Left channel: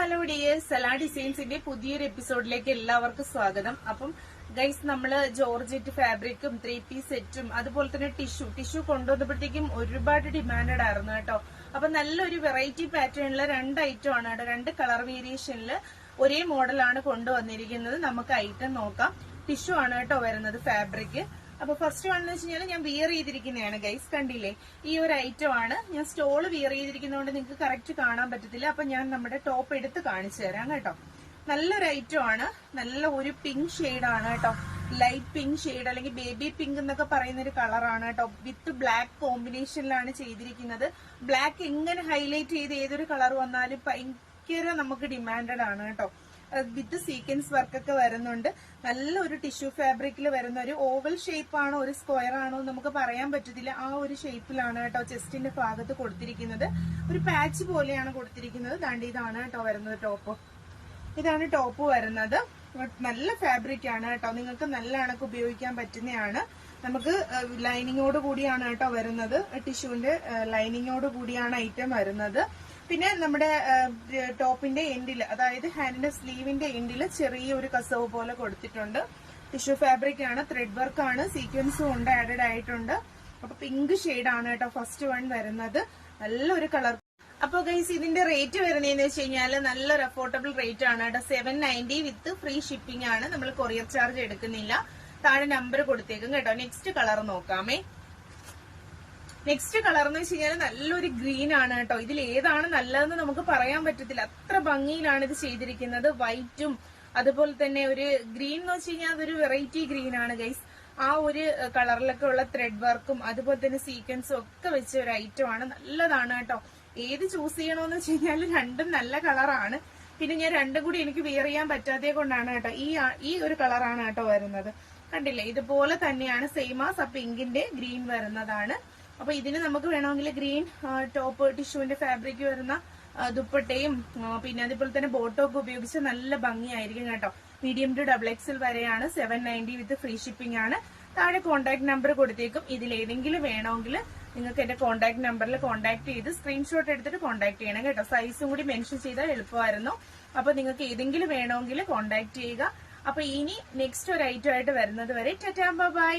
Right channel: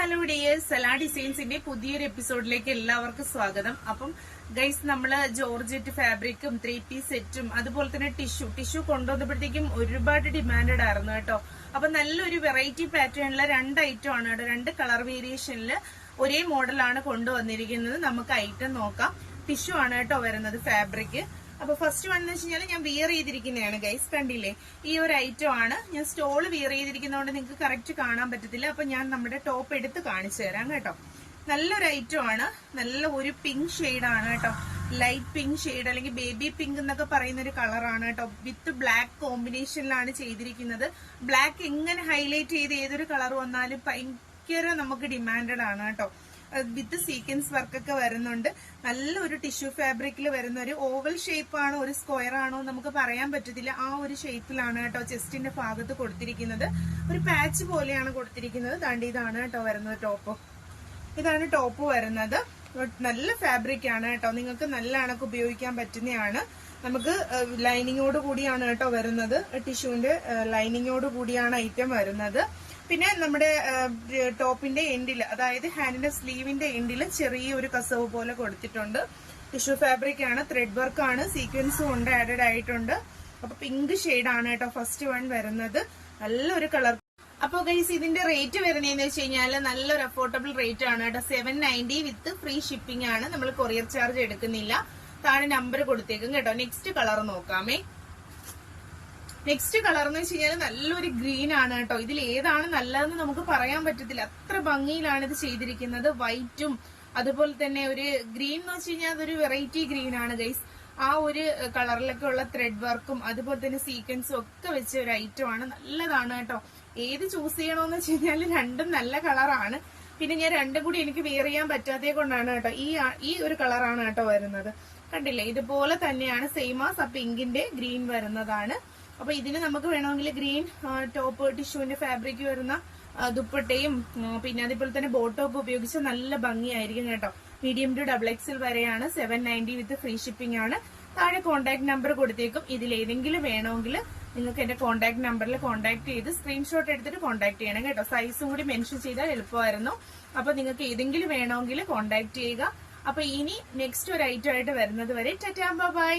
Hello dears, Salah ഡിസൈൻസിന്റെ പുതിയൊരു എപ്പിസോഡിലേക്ക് എല്ലാവർക്കും സ്വാഗതം. അപ്പം ഗൈസ്, നമ്മള് ജോർജറ്റ് ഫാബ്രിക്കും 3 പീസ് സെറ്റും അതുപോലെ തന്നെ ടിഷ്യൂ കൊണ്ടുവന്നപ്പോഴത്തേക്കും ഒരുപാട് ഡിമാൻഡഡ് ആയിരുന്നു കേട്ടോ. അപ്പൊ നല്ലൊരു വെറൈറ്റി പാറ്റേണില് 2 ഐറ്റം ആണ് കേട്ടോ. 2 കളർ വേരിയേഷനില് ഒരേ മോഡലാണ് കൊണ്ടുവന്നിരിക്കുന്നത്. നമുക്ക് ഐറ്റം നോക്കാം. ടിഷ്യൂ ആണ് കേട്ടോ വരുന്നത്, ഫാബ്രിക്. അപ്പൊ ഫസ്റ്റ് വൺ എന്ന് വെച്ച് കഴിഞ്ഞാൽ ഞാൻ വിയർ ചെയ്തിരിക്കുന്നതാണ് ഗൈസ്, കണ്ടില്ലേ? ഈ ഒരു ഐറ്റം ആണ്. ഞാൻ സ്റ്റോള് വിയർ ചെയ്തിരിക്കുന്നതുകൊണ്ട് നിങ്ങൾക്ക് കറക്റ്റ് കാണാൻ പറ്റത്തില്ല. അപ്പൊ ഞാൻ നമ്മുടെ ടോപ്പ് എടുത്ത് കാണിച്ചു തരാം കേട്ടോ. നല്ലൊരു ഐറ്റം ആണ്. നല്ല ഒരു പിങ്ക് ഷെയ്ഡാണ് കേട്ടോ. ലൈറ്റ് പിങ്ക് ഷെയ്ഡ് അല്ലെങ്കിൽ ബേബി പിങ്ക് എന്നൊക്കെ പറയുന്ന ഒരു കളറാണ് കേട്ടോ. വിത്ത് ബ്ലാക്ക് കോമ്പിനേഷനിലാണ് ചെയ്തിരിക്കുന്നത്. ബ്ലാക്ക് എങ്ങനെ ഹൈലൈറ്റ് ചെയ്ത് ഏതൊരു കളർ വന്നാലും ഭയങ്കര നമുക്ക് ഡിമാൻഡഡ് ആണ് കേട്ടോ. വിത്ത് സീക്വൻസ് വർക്കൊക്കെ വരുന്നുണ്ട്. നല്ലൊരു ടിഷ്യൂ ഫാബ്രിക്കിൽ വരുന്ന ഒരു ഓവൽ ഷേപ്പ് ആണോ ഒരു സ്ക്വയർ ആണോ നമുക്ക് പറയാൻ പറ്റത്തില്ല. ആ ഒരു ഷേപ്പിലാണ് കേട്ടോ ചെസ്റ്റിന്റെ ഭാഗത്ത് കൊടുത്തിരിക്കുന്നത്. ഒരു പാച്ച് പോലെയാണ് കൊടുത്തിരിക്കുന്നത്. ദാണ്ട് ഇതാണ് കേട്ടോ വരുന്നത് ടോപ്പ്. ഇതാണ് ടോപ്പ് വരുന്നത്. നല്ല ഫാബ്രിക് ആണ് കേട്ടോ. നിങ്ങൾക്ക് നല്ല കണക്ക് ഉപയോഗിക്കാൻ പറ്റുന്നതാണ്. നമുക്ക് ലൈനിങ്ങോട് കൂടിയാണ് കേട്ടോ വരുന്നത്. ടിഷ്യൂവിന്റെ ലൈനിങ്ങോട് കൂടിയാണ് ഐറ്റം വരുന്നത്. പിന്നെ നമ്മുടെ ടോപ്പിന്റെ എൻഡിൽ, അതായത് ഹാൻഡിന്റെ സ്ലീവിന്റെ എൻഡിൽ ചെറിയൊരു കസവ് പോലെ കൊടുത്തിട്ടുണ്ട്. ടിഷ്യൂ ഫാബ്രിക് ആണ്, ത്രെഡ് വർക്ക് ആണ്, സീക്വൻസും ഉണ്ട്, ആഡഡ് ആയിട്ടുണ്ട്. അപ്പൊ പിങ്ക് ഷെയ്ഡാണ് കേട്ടോ ഫസ്റ്റ് വൺ വരുന്നത്. നല്ലൊരു കളർ. അപ്പൊ ഗൈസ്, ഇതിന്റെ റേറ്റ് വരുന്നതെന്ന് വെച്ച് കഴിഞ്ഞാൽ നല്ലൊരു അഫോർഡബിൾ റേറ്റ് ആണ് കേട്ടോ. 790 വിത്ത് ഫ്രീ ഷിപ്പിംഗ് ആണ്. നമ്മൾ കൊറിയർ ചാർജ് എടുക്കുന്നില്ല. താഴെ നമ്പർ കൊടുത്തേക്കും കേട്ടോ. നെക്സ്റ്റ് കളർ നോക്കാമേ. നെക്സ്റ്റ് കളർ എന്ന് വെച്ച് കഴിഞ്ഞാൽ നല്ലൊരു ഗ്രീൻ ആണ് കേട്ടോ. ഇതിൽ ഏതാണ് നല്ലതെന്ന് നമുക്ക് പറയാൻ പറ്റത്തില്ല. അത്ര ഭംഗിയിലാണ് ഇത് ചെയ്തിരിക്കുന്നത്. വൈറ്റും അതുപോലെ തന്നെ ഒരു ഗ്രീൻ എന്ന് വെച്ച് കഴിഞ്ഞാൽ അതൊരു വെറൈറ്റി ഗ്രീൻ ആണ് ഗൈസ്. ആ ഒരു കളറിലൊക്കെ ഉള്ള ത്രെഡ് വർക്കും അതുപോലെ തന്നെ സീക്വൻസും ഒക്കെ വെച്ച ഒരു ഐറ്റം ആണ്. നല്ലതാണ് കേട്ടോ. ഏത് ചൂസ് ചെയ്യണമെന്ന് വെച്ച് കഴിഞ്ഞാൽ രണ്ടും നല്ല കളറാണ്. പിന്നെ ഞാൻ രണ്ടും കൂടി എനിക്ക് വെയർ ചെയ്യാൻ പറ്റാത്തത് കൊണ്ടാണ് കേട്ടോ ഈ ഒരു കളറാണ് കേട്ടോ വരുന്നത്. കണ്ടില്ലേ? ഇതുപോലെ തന്നെയാണ് സെയിം ആ പിങ്കിന്റെ ഗ്രീൻ വരുന്നതാണ്. അപ്പൊ ഇതിന് നമുക്ക് വേണമെങ്കിൽ ഗ്രീൻ ടോപ്പ് ടിഷ്യൂവിന്റെ ഫാബ്രിക് വരുന്ന ദുപ്പട്ടയും പിന്നെ അതുപോലെ തന്നെ ബോട്ടൊക്കെ ഉപയോഗിച്ച് നല്ല ഭംഗിയായിരിക്കും കേട്ടോ. മീഡിയം ടു XXL വരെയാണ്. 790 വിത്ത് ഫ്രീ ഷിപ്പിംഗ് ആണ്. താഴെ കോൺടാക്ട് നമ്പർ കൊടുത്തേക്കും. ഇതിൽ ഏതെങ്കിലും വേണമെങ്കിൽ നിങ്ങൾക്ക് എന്റെ കോൺടാക്ട് നമ്പറിൽ കോൺടാക്ട് ചെയ്ത് സ്ക്രീൻഷോട്ട് എടുത്തിട്ട് കോൺടാക്ട് ചെയ്യണം കേട്ടോ. സൈസും കൂടി മെൻഷൻ ചെയ്താൽ എളുപ്പമായിരുന്നു. അപ്പൊ നിങ്ങൾക്ക് ഏതെങ്കിലും വേണമെങ്കിൽ കോൺടാക്ട് ചെയ്യുക. അപ്പൊ ഇനി നെക്സ്റ്റ് ഒരു ഐറ്റം ആയിട്ട് വരുന്നത് വരെ ടാറ്റാ ബൈ.